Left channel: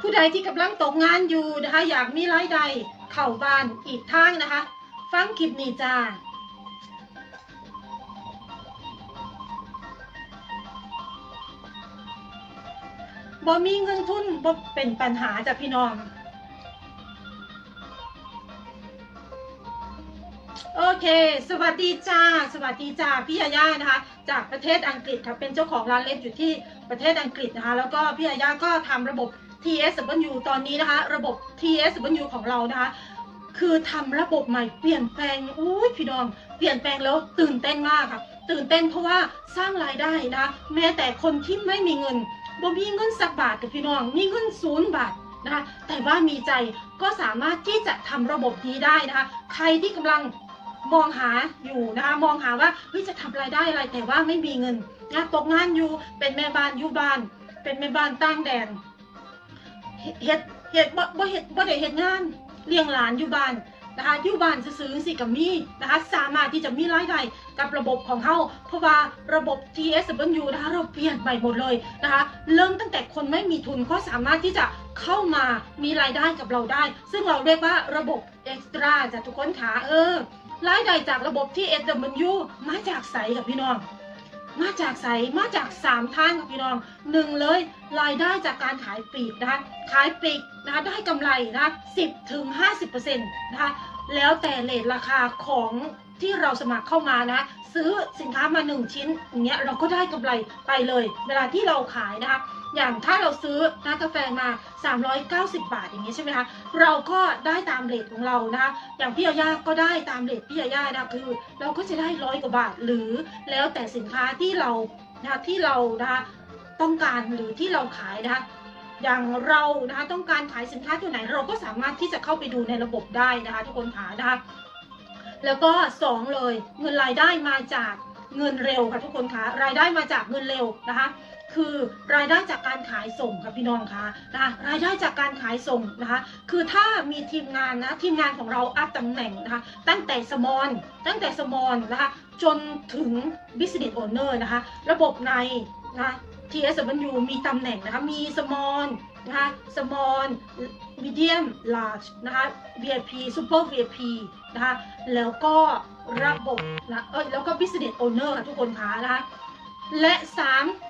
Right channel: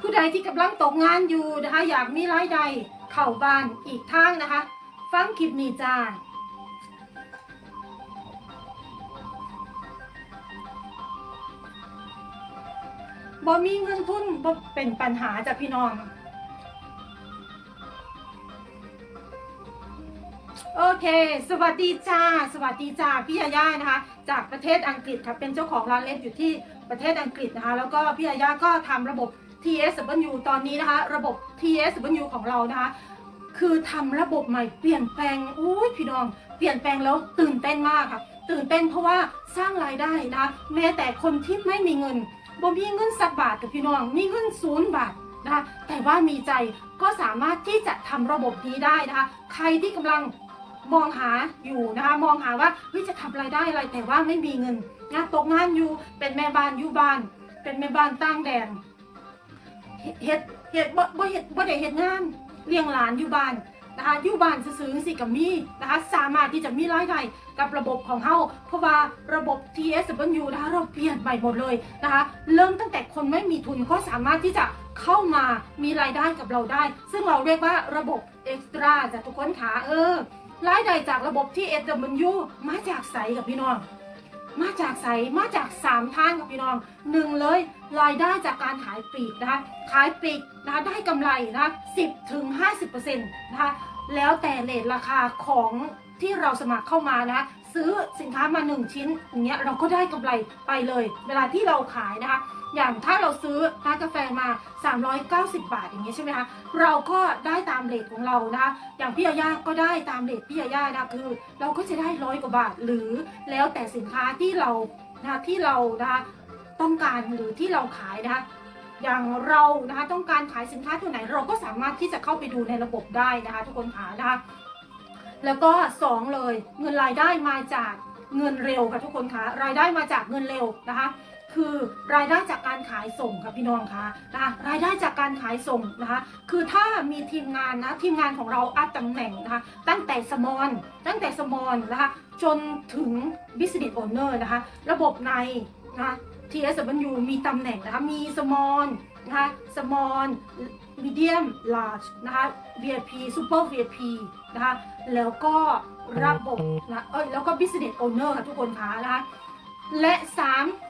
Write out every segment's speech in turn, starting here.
ผู้ใดที่กำลังตกงานอยู่นะคะ อยากมีรายได้เข้าบ้านอีกทางนะคะ ฟังคลิปนี้จ้าบ่มีเงินทุนบ่เป็นปัญหาจ้ะพี่น้อง โอเค สวัสดีจ้า สวัสดีจ้า พี่ยาย่านะคะ จากประเทศอังกฤษค่ะ เป็นเจ้าของร้านเล็บอยู่ที่ประเทศอังกฤษนะคะ แล้วก็พี่ยาย่าก็ทำระบบ TSW ตอนนี้นะคะ ระบบ TSW ของเรานะคะ คือทำระบบใหม่เปลี่ยนแปลงอุ้ยพี่น้องเปลี่ยนแปลงแล้วตื่นเต้นมากค่ะ ตื่นเต้นเพราะว่าสร้างรายได้นะแม้แต่คนที่ไม่มีเงินบ่มีเงินสักบาทกับพี่น้องมีเงินศูนย์บาทนะคะแต่ว่ามีใจก็สามารถที่จะทำระบบนี้ได้นะคะ ใครที่กำลังมองหาอยู่นะคะมองหาว่าเฮ้ยจะทำรายได้อะไรแต่ว่าไม่มีเงินนะตกงานอยู่เป็นแม่บ้านอยู่บ้าน เป็นแม่บ้านตั้งแดน เฮ็ดเฮ็ดบ่บ่เฮ็ดบ่ได้เฮ็ดงานเลี้ยงหลานอยู่บ้านนะคะอยู่บ้านซื่อสิกับมีนะคะสามารถที่จะมีรายได้กับระบบของเฮาเพราะว่าระบบ TSW นะคะเราเปลี่ยนใหม่หมดเลยนะคะ เริ่มตั้งแต่คนไม่มีทุนก็สามารถที่จะเข้ามามีรายได้กับเราได้ ซึ่งเราเรียกว่าระบบ Extra จากทุกคนขาเออรายได้จากระบบ TSW มาจากใสกับพี่น้อง มาจากใสมาจาก 3 ทางกับพี่น้องหนึ่งเลย รายได้จากการขายปลีกนะคะขายปลีกนะคะได้กำไรนะคะ10ถึง50%นะคะแล้วแต่เลทราคาของที่เราสมัครเข้ามานะซื้อสินค้ามา 1 ชิ้นอย่างเงี้ยเราก็ได้กำไรไปเลย เวลาที่เราขายนะคะ อย่างถ้าเราซื้อน้ำกาแฟมา 390 บาทอย่างเงี้ยใช่ไหมคะเราก็ได้ตามเลทของเรานะคะอย่างพี่ยาย่าก็ได้ตามเลทพี่ยาย่านะคือ เราก็จะได้ร้อยกว่าบาทหรือแล้วแต่สินค้าที่เรานะคะที่เรานะคะ ต้องการหรือที่เราขายนะคะอย่างเรานะคะต้องการขายสินค้าตัวไหนเราก็สามารถที่จะเข้าไปดูในระบบได้นะคะ ทุกคนขานะคะแล้วก็สองเลยเงินรายได้มาจากเงินเร็วค่ะทุกคนคะรายได้มาจากเงินเร็วนะคะ คือรายได้จากการขายส่งค่ะพี่น้องคะนะคะรายได้จากการขายส่งนะคะคือถ้ามีทีมงานนะทีมงานของเราอัพตำแหน่งนะคะตั้งแต่สมอนตั้งแต่สมอนนะคะจนถึง business owner นะคะระบบในนะคะ TSW มีตำแหน่งนะคะ มี small นะคะ small medium large นะคะ VIP super VIP นะคะ แล้วก็ระบบนะเอ้ยแล้วก็ business owner ค่ะทุกคนคะนะคะ และ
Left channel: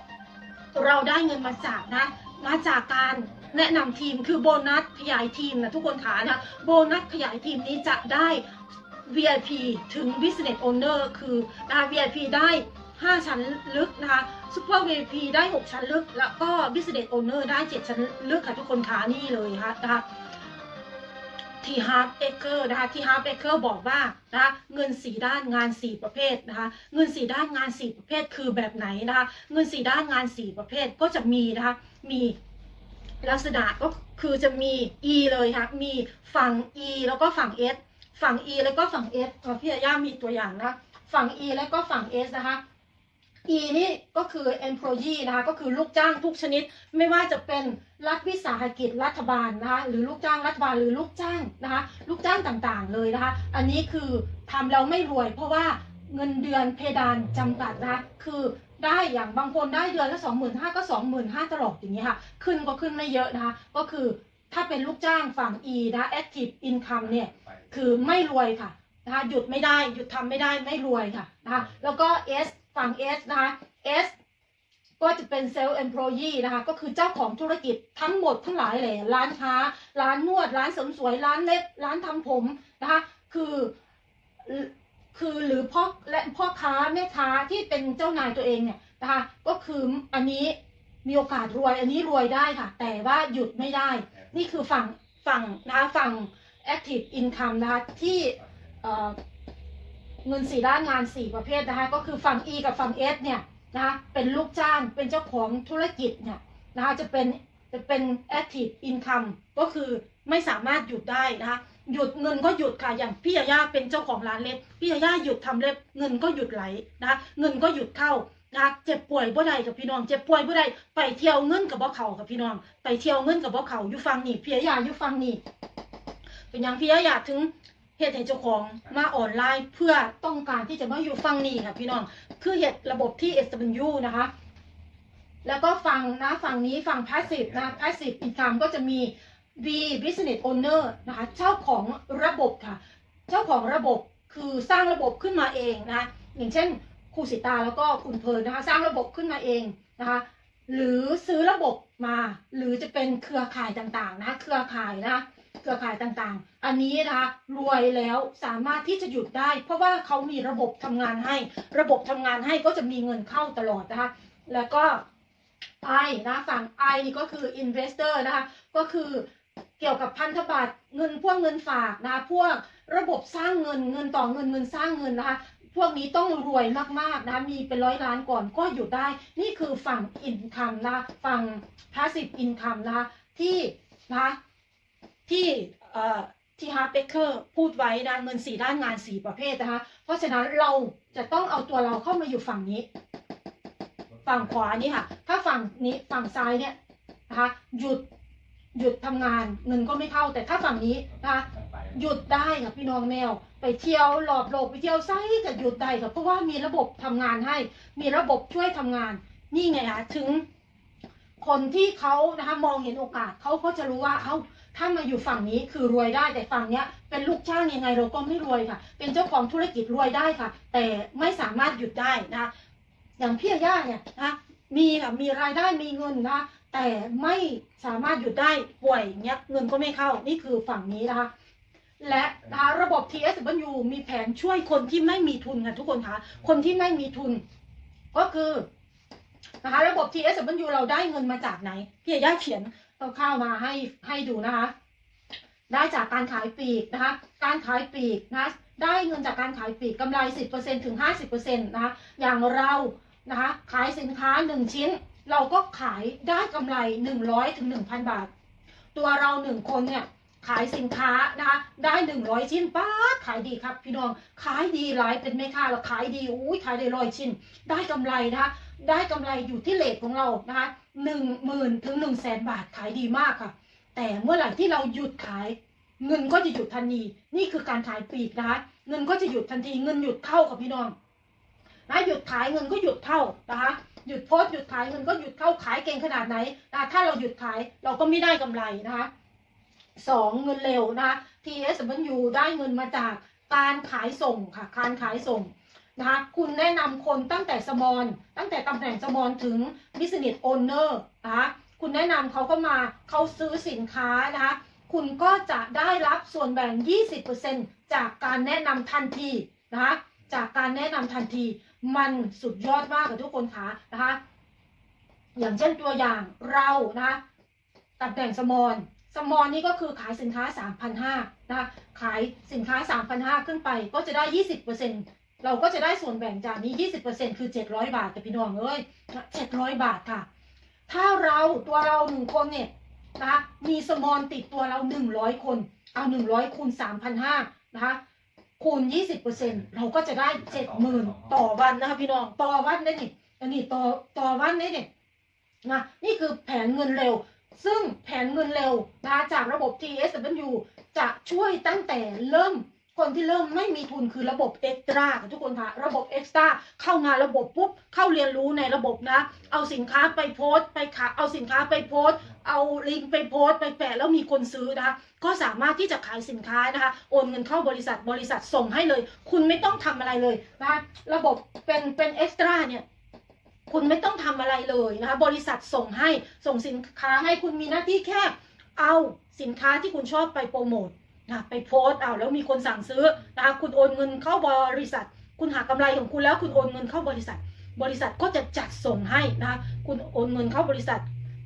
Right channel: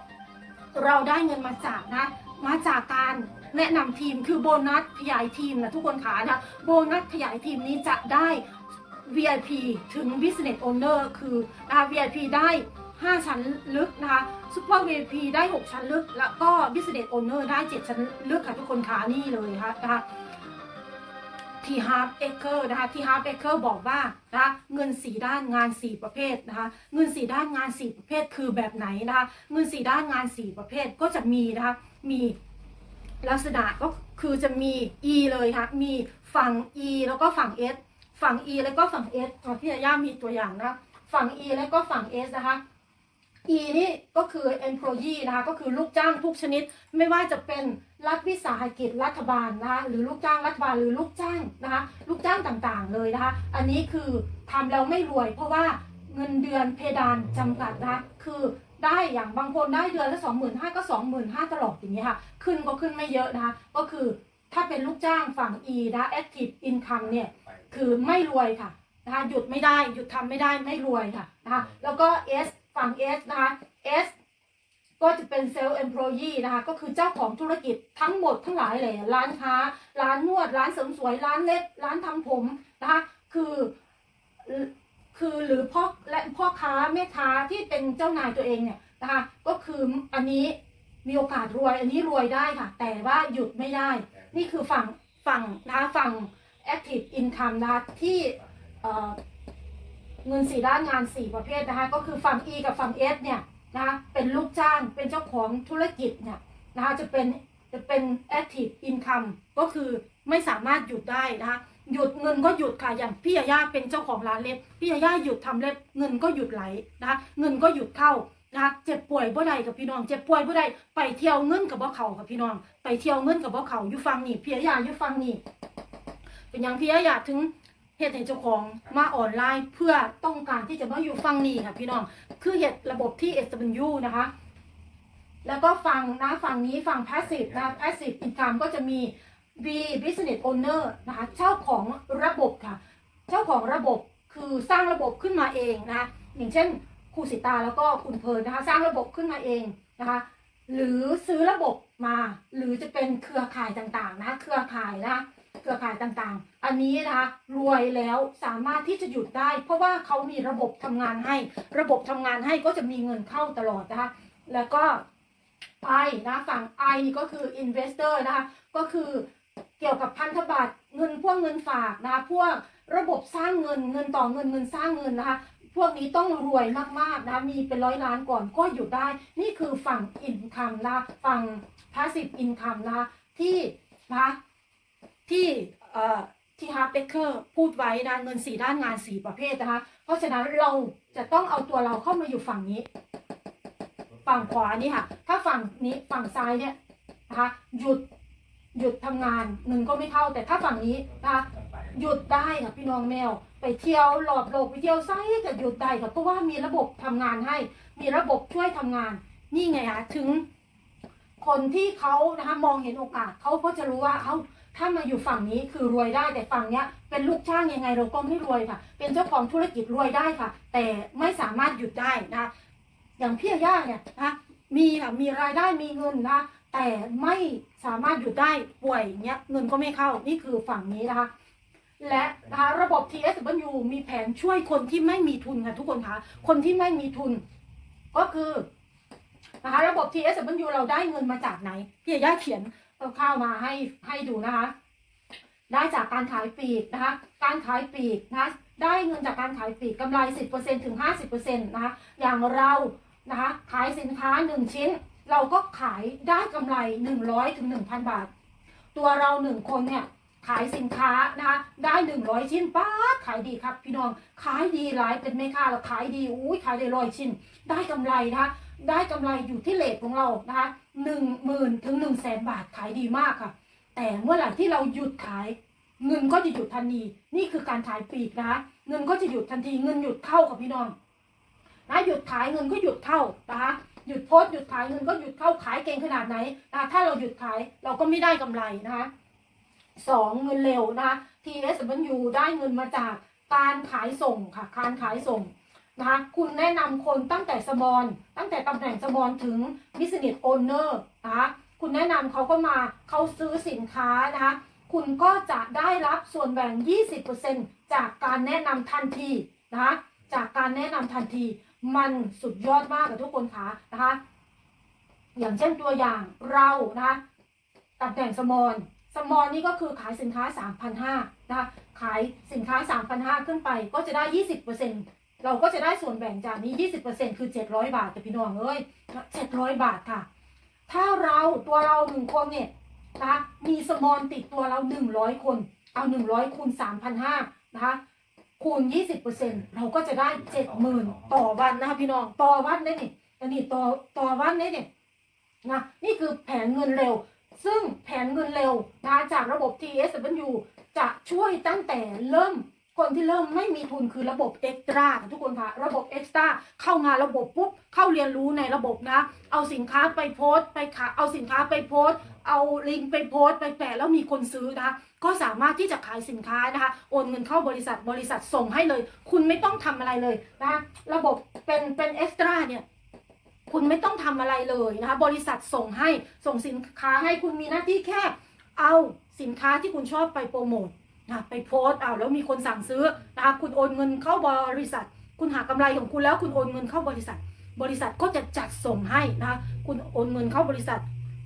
3 เราได้เงินมาจากนะ มาจากการแนะนำทีมคือโบนัสขยายทีมนะทุกคนขานะ โบนัสขยายทีมนี้จะได้ VIP ถึง Business Owner คือนะคะ VIP ได้ 5 ชั้นลึกนะคะ Super VIP ได้ 6 ชั้นลึก แล้วก็ Business Owner ได้ 7 ชั้นลึกค่ะทุกคนขานี่เลยค่ะนะคะที่ Hard Acre นะคะที่ Hard Acre บอกว่านะคะเงิน4ด้านงาน4ประเภทนะคะเงิน4ด้านงาน4ประเภทคือแบบไหนนะคะเงิน4ด้านงาน4ประเภทก็จะมีนะคะมีลักษณะก็คือจะมี E เลยค่ะมีฝั่ง E แล้วก็ฝั่ง S ฝั่ง E แล้วก็ฝั่ง S อะพี่ย่ามีตัวอย่างนะ ฝั่ง E แล้วก็ฝั่ง S นะคะ E นี่ก็คือ employee นะคะก็คือลูกจ้างทุกชนิด ไม่ว่าจะเป็นรัฐวิสาหกิจรัฐบาลนะคะหรือลูกจ้างรัฐบาลหรือลูกจ้างนะคะลูกจ้างต่างๆเลยนะคะอันนี้คือทำแล้วไม่รวย เพราะว่าเงินเดือนเพดานจำกัดนะคะคือได้อย่างบางคนได้เดือนละ25,000ก็ 25,000ตลอดอย่างนี้ค่ะ ขึ้นก็ขึ้นไม่เยอะนะคะก็คือถ้าเป็นลูกจ้างฝั่ง E นะ active income เนี่ยคือไม่รวยค่ะนะคะหยุดไม่ได้หยุดทำไม่ได้ไม่รวยค่ะนะคะแล้วก็ S ฝั่ง S นะคะ S ก็จะเป็นเซลล์ employee นะคะ ก็คือเจ้าของธุรกิจทั้งหมดทั้งหลายเลยร้านค้า ร้านนวด ร้านเสริมสวย ร้านเล็บ ร้านทำผมนะคะ คือคือหรือพ่อและพ่อค้าแม่ค้าที่เป็นเจ้านายตัวเองเนี่ยนะคะก็คืออันนี้มีโอกาสรวย อันนี้รวยได้ค่ะ แต่ว่าหยุดไม่ได้ นี่คือฝั่งฝั่งนะคะฝั่ง active income นะคะที่ เงินสี่ด้านงานสี่ประเภทนะคะก็คือฝั่ง E กับฝั่ง S เนี่ยนะคะเป็นลูกจ้างเป็นเจ้าของธุรกิจเนี่ยนะคะจะเป็นจะเป็น active income ก็คือไม่สามารถหยุดได้นะคะหยุดเงินก็หยุดค่ะอย่างพี่ยาย่าเป็นเจ้าของร้านเล็บพี่ยาย่าหยุดทำเล็บเงินก็หยุดไหลนะคะเงินก็หยุดเข้านะคะเจ็บป่วยบ่ได้กับพี่น้องเจ็บป่วยบ่ได้ไปเที่ยวเงินกับบ่เขากับพี่น้อง ไปเที่ยวเงินกับบ่เขาอยู่ฟังนี่พี่ยาย่าอยู่ฟังนี่เป็นอย่างพี่อยาถึง ตุให้เจ้าของมาออนไลน์เพื่อต้องการที่จะมาอยู่ฟังนี่ค่ะ พี่น้องคือเหตุระบบที่ SW นะคะ แล้วก็ฝั่งนะฝั่งนี้ฝั่ง passive นะ passive income ก็จะมี B business owner นะคะเจ้าของระบบค่ะ เจ้าของระบบคือสร้างระบบขึ้นมาเองนะคะอย่างเช่นครูสิตาแล้วก็คุณเพลินนะคะ สร้างระบบขึ้นมาเองนะคะหรือซื้อระบบมา หรือจะเป็นเครือข่ายต่างๆนะะเครือข่ายนะะ เครือข่ายต่างๆ อันนี้นะคะรวยแล้วสามารถที่จะหยุดได้ เพราะว่าเขามีระบบทำงานให้ ระบบทำงานให้ก็จะมีเงินเข้าตลอดนะคะ แล้วก็ I นะฝั่ง I นี่ก็คือ investor นะคะก็คือเกี่ยวกับพันธบัตรเงินพวกเงินฝากนะพวกระบบสร้างเงินเงินต่อเงินเงินสร้างเงินนะคะพวกนี้ต้องรวยมากๆนะมีเป็นร้อยล้านก่อนก็อยู่ได้ นี่คือฝั่ง income นะฝั่ง passive income นะที่นะ อที่ฮาร์ดเบเกอร์พูดไว้นะเงินสี่ด้านงานสี่ประเภทนะคะ เพราะฉะนั้นเราจะต้องเอาตัวเราเข้ามาอยู่ฝั่งนี้ ฝั่งขวานี่ค่ะ ถ้าฝั่งนี้ฝั่งซ้ายเนี่ยนะคะหยุดหยุดทำงานเงินก็ไม่เข้าแต่ถ้าฝั่งนี้นะคะหยุดได้ค่ะพี่น้องแมว ไปเที่ยวหลอบโลกไปเที่ยวไส้ก็หยุดได้ค่ะเพราะว่ามีระบบทำงานให้ มีระบบช่วยทำงาน นี่ไงคะถึง คนที่เขานะคะมองเห็นโอกาสเขาก็จะรู้ว่าเอ้า ถ้ามาอยู่ฝั่งนี้คือรวยได้แต่ฝั่งเนี้ย เป็นลูกจ้างยังไงเราก็ไม่รวยค่ะ เป็นเจ้าของธุรกิจรวยได้ค่ะ แต่ไม่สามารถหยุดได้นะคะอย่างพี่ย่าเนี่ยนะมีค่ะมีรายได้มีเงินนะแต่ไม่สามารถหยุดได้ป่วยเงี้ยเงินก็ไม่เข้านี่คือฝั่งนี้นะคะและนะคะระบบ TSW มีแผนช่วยคนที่ไม่มีทุนค่ะทุกคนคะคนที่ไม่มีทุน ก็คือนะคะระบบ TSW เราได้เงินมาจากไหนพี่ย่าเขียน เข้าวมาให้ให้ดูนะคะ ได้จากการขายปลีกนะคะ การขายปลีกนะะได้เงินจากการขายปลีกกำไร 10%ถึง 50%นะคะอย่างเรานะคะขายสินค้า 1 ชิ้น เราก็ขายได้กำไร 100ถึง1,000 บาท ตัวเรา 1 คนเนี่ย ขายสินค้านะคะได้ 100 ชิ้นป้าขายดีครับพี่น้องขายดีหลายเป็นแม่ค้าเราขายดีอุ้ยขายได้ร้อยชิ้น ได้กำไรนะคะได้กำไรอยู่ที่เลทของเรานะคะหนึ่งหมื่นถึงหนึ่งแสนบาทขายดีมากค่ะ แต่เมื่อไหร่ที่เราหยุดขาย เงินก็จะหยุดทันทีนี่คือการขายปีกนะคะเงินก็จะหยุดทันทีเงินหยุดเข้ากับพี่น้องนะหยุดขายเงินก็หยุดเข้านะคะหยุดโพสหยุดขายเงินก็หยุดเข้าขายเก่งขนาดไหนนะถ้าเราหยุดขายเราก็ไม่ได้กำไรนะคะ สองเงินเร็วนะคะ TSW ได้เงินมาจากการขายส่งค่ะการขายส่งนะคะคุณแนะนำคนตั้งแต่สมอนตั้งแต่ตำแหน่งสมอนถึง business owner นะคะคุณแนะนำเขาก็มาเขาซื้อสินค้านะคะคุณก็จะได้รับส่วนแบ่ง 20%จากการแนะนำทันทีนะคะจากการแนะนำทันทีมันสุดยอดมากกับทุกคนคะนะคะอย่างเช่นตัวอย่างเรานะคะตำแหน่งสมอน สมอนนี่ก็คือขายสินค้า 3,500นะคะขายสินค้า 3,500 ขึ้นไปก็จะได้ 20%เราก็จะได้ส่วนแบ่งจากนี้ 20%คือ 700 บาทแต่พี่น้องเอ้ย700 บาทค่ะ ถ้าเราตัวเราหนึ่งคนเนี่ยนะคะมีสมอนติดตัวเรา 100 คน เอา 100คูณ3,500นะคะคูณ 20%เราก็จะได้ 70,000 ต่อวันนะคะพี่น้องต่อวันได้นี่อันนี้ต่อต่อวันได้นี่นะนี่คือแผนเงินเร็ว ซึ่งแผนเงินเร็วนะจากระบบ TSW จะช่วยตั้งแต่เริ่มคนที่เริ่มไม่มีทุนคือระบบ Extra ค่ะทุกคนค่ะระบบ Extra เข้ามานระบบปุ๊บเข้าเรียนรู้ในระบบนะ เอาสินค้าไปโพสต์ไปขายเอาสินค้าไปโพสต์ เอาลิงก์ไปโพสต์ไปแปะแล้วมีคนซื้อนะคะก็สามารถที่จะขายสินค้านะคะโอนเงินเข้าบริษัทบริษัทส่งให้เลย คุณไม่ต้องทำอะไรเลยนะคะระบบเป็นเป็นเอ็กซ์ตร้าเนี่ย คุณไม่ต้องทำอะไรเลยนะคะบริษัทส่งให้ส่งสินค้าให้คุณมีหน้าที่แค่เอาสินค้าที่คุณชอบไปโปรโมทนะไปโพสเอาแล้วมีคนสั่งซื้อนะคะคุณโอนเงินเข้าบริษัท คุณหากำไรของคุณแล้วคุณโอนเงินเข้าบริษัท บริษัทก็จะจัดส่งให้นะคะคุณโอนเงินเข้าบริษัท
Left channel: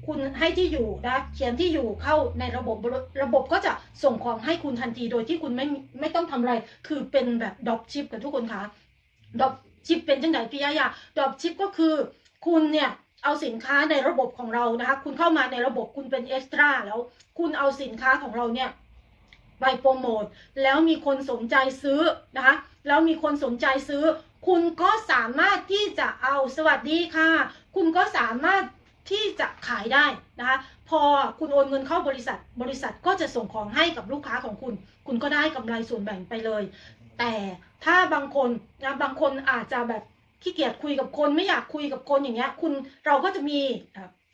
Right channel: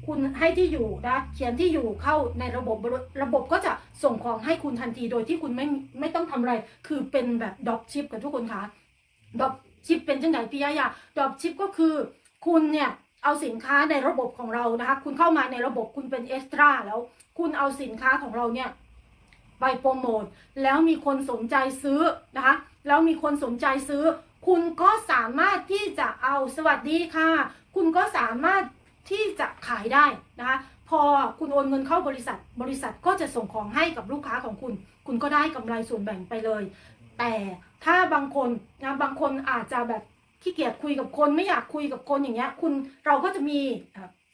คุณให้ที่อยู่นะเขียนที่อยู่เข้าในระบบระบบก็จะส่งของให้คุณทันทีโดยที่คุณไม่ไม่ต้องทำอะไร คือเป็นแบบดรอปชิปกับทุกคนคะดรอป ชิปเป็นจังไหนพี่ยายาดรอปชิปก็คือคุณเนี่ยเอาสินค้าในระบบของเรานะคะ คุณเข้ามาในระบบคุณเป็นเอ็กซ์ตร้าแล้ว คุณเอาสินค้าของเราเนี่ยไปโปรโมทแล้วมีคนสนใจซื้อนะคะ แล้วมีคนสนใจซื้อ คุณก็สามารถที่จะเอาสวัสดีค่ะ คุณก็สามารถที่จะขายได้นะคะ พอคุณโอนเงินเข้าบริษัท บริษัทก็จะส่งของให้กับลูกค้าของคุณ คุณก็ได้กำไรส่วนแบ่งไปเลย แต่ถ้าบางคนนะบางคนอาจจะแบบขี้เกียจคุยกับคนไม่อยากคุยกับคนอย่างเงี้ยคุณเราก็จะมี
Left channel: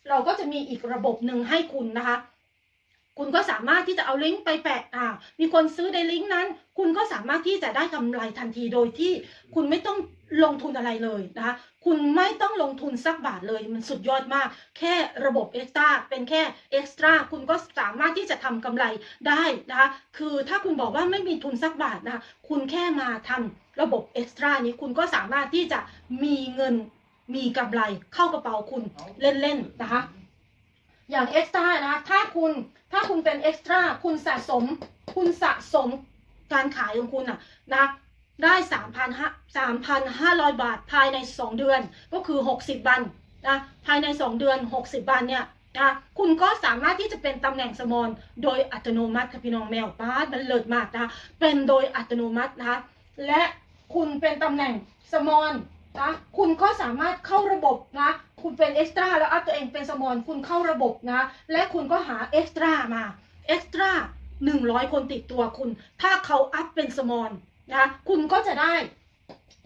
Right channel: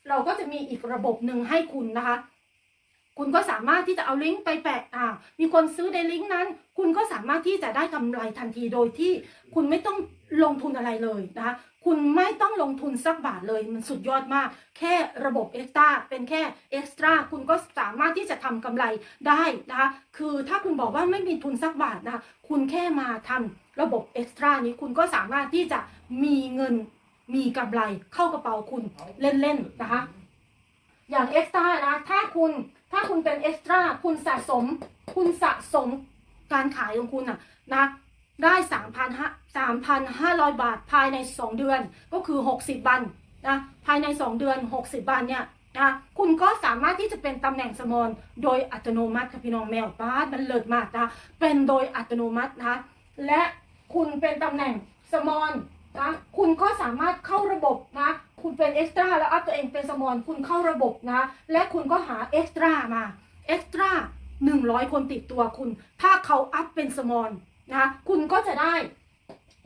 เราก็จะมีอีกระบบหนึ่งให้คุณนะคะ คุณก็สามารถที่จะเอาลิงก์ไปแปะอ่ามีคนซื้อในลิงก์นั้น คุณก็สามารถที่จะได้กำไรทันทีโดยที่คุณไม่ต้องลงทุนอะไรเลยนะคะคุณไม่ต้องลงทุนสักบาทเลยมันสุดยอดมาก แค่ระบบเอ็กซ์ตร้าเป็นแค่เอ็กซ์ตร้าคุณก็สามารถที่จะทำกำไรได้นะคะคือถ้าคุณบอกว่าไม่มีทุนสักบาทนะคะคุณแค่มาทำระบบเอ็กซ์ตร้านี้คุณก็สามารถที่จะมีเงินมีกำไรเข้ากระเป๋าคุณเล่นๆนะคะอย่างเอ็กซ์ตร้านะถ้าคุณ ถ้าคุณเป็นเอ็กซ์ตร้าคุณสะสม คุณสะสมการขายของคุณอะนะได้3,500 3,500บาทภายใน2เดือนก็คือ60วันนะภายใน2เดือน60วันเนี่ยนะคุณก็สามารถที่จะเป็นตำแหน่งสมอนโดยอัตโนมัติค่ะพี่น้องแมวป้าดมันเลิศมากนะเป็นโดยอัตโนมัตินะและคุณเป็นตำแหน่งสมอน นะคุณก็สามารถเข้าระบบนะ คุณเป็นเอ็กซ์ตร้าแล้วอัพตัวเองเป็นสมอนคุณเข้าระบบนะ และคุณก็หาเอ็กซ์ตร้ามาเอ็กซ์ตร้าหนึ่งร้อยคนติดตัวคุณ ถ้าเขาอัพเป็นสมอนนะคุณก็จะได้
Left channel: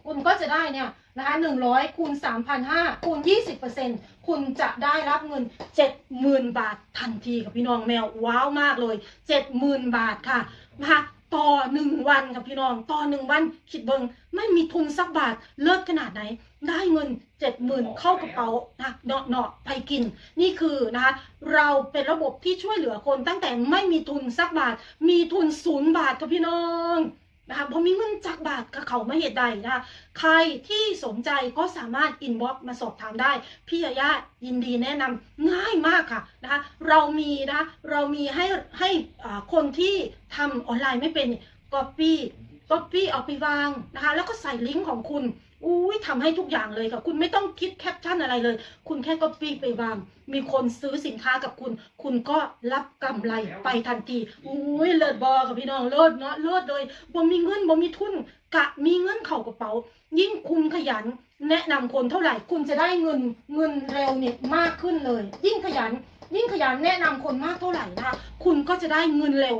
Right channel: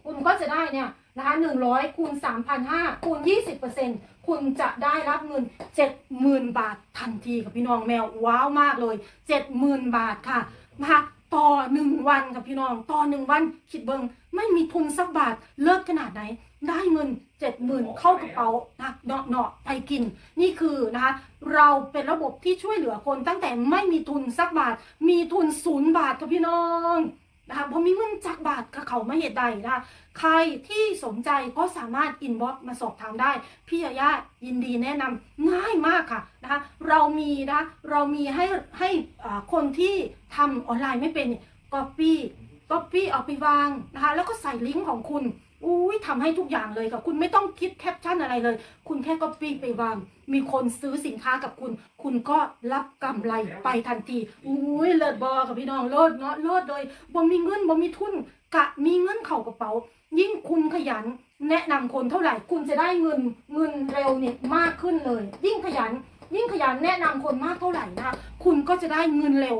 คุณก็จะได้เนี่ยนะคะหนึ่งร้อยคูณสามพันห้าคูณยี่สิบเปอร์เซ็นตคุณจะได้รับเงินเจ็ดหมื่นบาททันทีกับพี่น้องแมวว้าวมากเลยเจ็ดหมื่นบาทค่ะนะคะ ต่อหนึ่งวันกับพี่น้อง ต่อหนึ่งวันคิดเบิงไม่มีทุนสักบาทเลิศขนาดไหน ได้เงินเจ็ดหมื่นเข้ากระเป๋านะเนาะเนาะไปกิน นี่คือนะคะเราเป็นระบบที่ช่วยเหลือคนตั้งแต่ไม่มีทุนสักบาท มีทุนศูนย์บาทกับพี่น้อง นะคะบ่มีเงินจักบาทกับเขาไม่เหตุใดนะคะใครที่สนใจก็สามารถอินบ็อกมาสอบถามได้ พี่ยาย่ายินดีแนะนำง่ายมากค่ะนะคะเรามีนะเรามีให้ให้คนที่ทำออนไลน์ไม่เป็นก๊อปปี้ก๊อปปี้เอาไปวางนะคะแล้วก็ใส่ลิงก์ของคุณ อุ้ยทำให้ทุกอย่างเลยค่ะ คุณไม่ต้องคิดแคปชั่นอะไรเลย คุณแค่ก็ปี้ไปวาง มีคนซื้อสินค้ากับคุณ คุณก็รับกำไรไปทันทีอุ้ยเลิศบอกับพี่น้องเลิศเนาะเลิศเลยบ่มีเงินบ่มีทุน กะมีเงินเข่ากระเป๋า ยิ่งคุณขยัน แนะนำคนเท่าไหร่ คุณจะได้เงินเงินเร็วเนี่ยมากขึ้นเลย ยิ่งขยัน ยิ่งขยันแนะนำคนมากเท่าไหร่นะคะคุณก็จะได้เงินเร็ว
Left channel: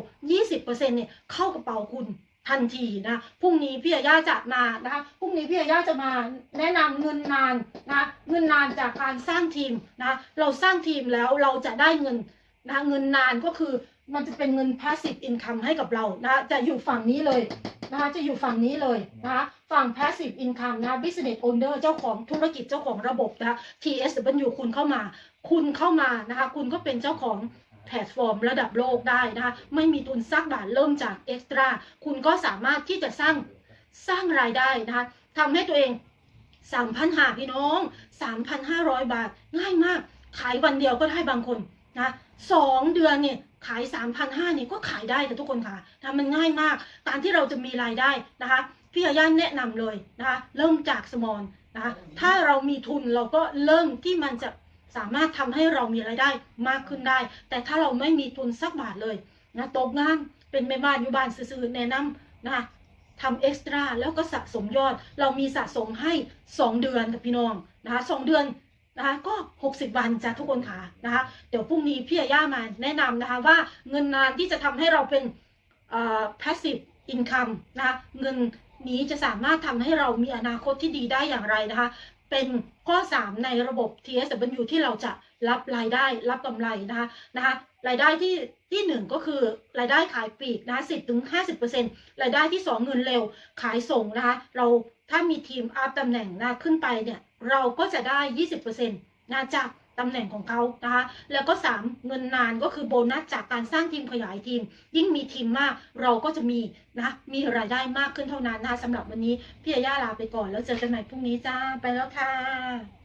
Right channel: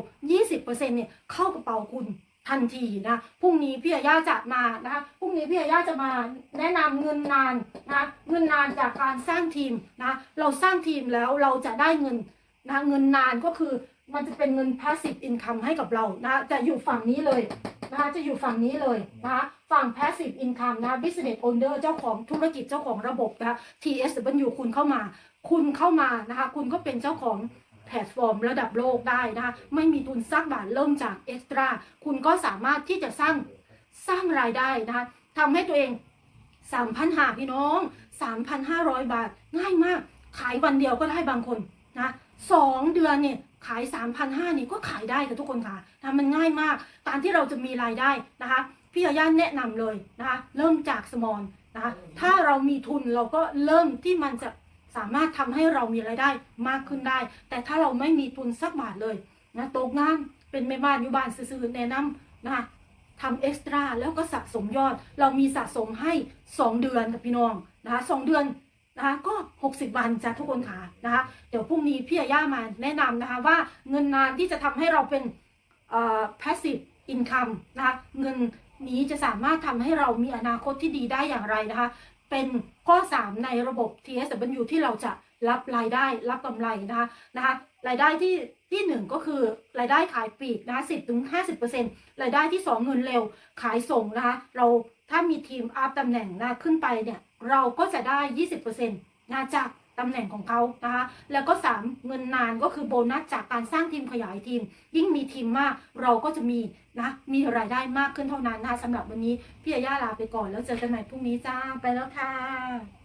20%เนี่ยเข้ากระเป๋าคุณ ทันทีนะพรุ่งนี้พี่ยาย่าจะมานะคะพรุ่งนี้พี่ยาย่าจะมาแนะนำเงินนานนะเงินนานจากการสร้างทีมนะเราสร้างทีมแล้วเราจะได้เงินนะเงินนานก็คือมันจะเป็นเงิน passive income ให้กับเรานะจะอยู่ฝั่งนี้เลยนะคะจะอยู่ฝั่งนี้เลยนะคะฝั่ง passive income นะ business owner เจ้าของธุรกิจเจ้าของระบบนะคะ TSW คุณเข้ามา คุณเข้ามานะคะคุณก็เป็นเจ้าของ แพลตฟอร์มระดับโลกได้นะคะไม่มีทุนสักบาทเริ่มจากเอ็กซ์ตร้าคุณก็สามารถที่จะสร้างสร้างรายได้นะคะทำให้ตัวเอง3,000หาพี่น้อง 3,500 บาทง่ายมาก ขายวันเดียวก็ได้บางคนนะสองเดือนเนี่ยขาย 3,500เนี่ยก็ขายได้กับทุกคนค่ะนะมันง่ายมาก การที่เราจะมีรายได้นะคะพี่อาย่าแนะนำเลยนะคะเริ่มจากสมอลนะคะถ้าเรามีทุนเราก็เริ่มที่มันจะ สามารถทำให้เรามีรายได้มากขึ้นได้ แต่ถ้าเราไม่มีทุนสักบาทเลยนะตกงานเป็นแม่บ้านอยู่บ้านซื่อๆแนะนำนะคะทำเอ็กซ์ตร้าแล้วก็สะสมยอด เรามีสะสมให้ 2 เดือนกับพี่น้องนะคะสองเดือนนะคะก็ 60 วันจ้ะทุกคนค่ะนะคะเดี๋ยวพรุ่งนี้พี่อาย่ามาแนะนำนะคะว่าเงินนานที่จะทำให้เราเป็นเอ่อ passive income นะคะเงินนี้จะสามารถทำให้เรามีอนาคตที่ดีได้อย่างไรนะคะ เป็นข้อ 3 ในระบบ TSW ที่เราจะรับรายได้รับกำไรนะคะนะคะรายได้ที่ที่ 1 ก็คือรายได้ขายปลีกนะสิบถึง50%รายได้ที่ 2 เงินเร็วขายส่งนะคะเราถ้ามีทีมอัพตำแหน่งนะขึ้นไปเนี่ยเราก็จะได้20%นะจาก ตำแหน่งของเขานะคะ แล้วก็ 3 เงินนานก็คือโบนัสจากการสร้างทีมขยายทีม ยิ่งมีทีมมากเราก็จะมีนะมีรายได้มากขึ้นเท่านั้นนะคะสำหรับวันนี้พี่ยาย่าลาไปก่อนแล้วเจอกันใหม่พรุ่งนี้จ้าไปแล้วค่ะ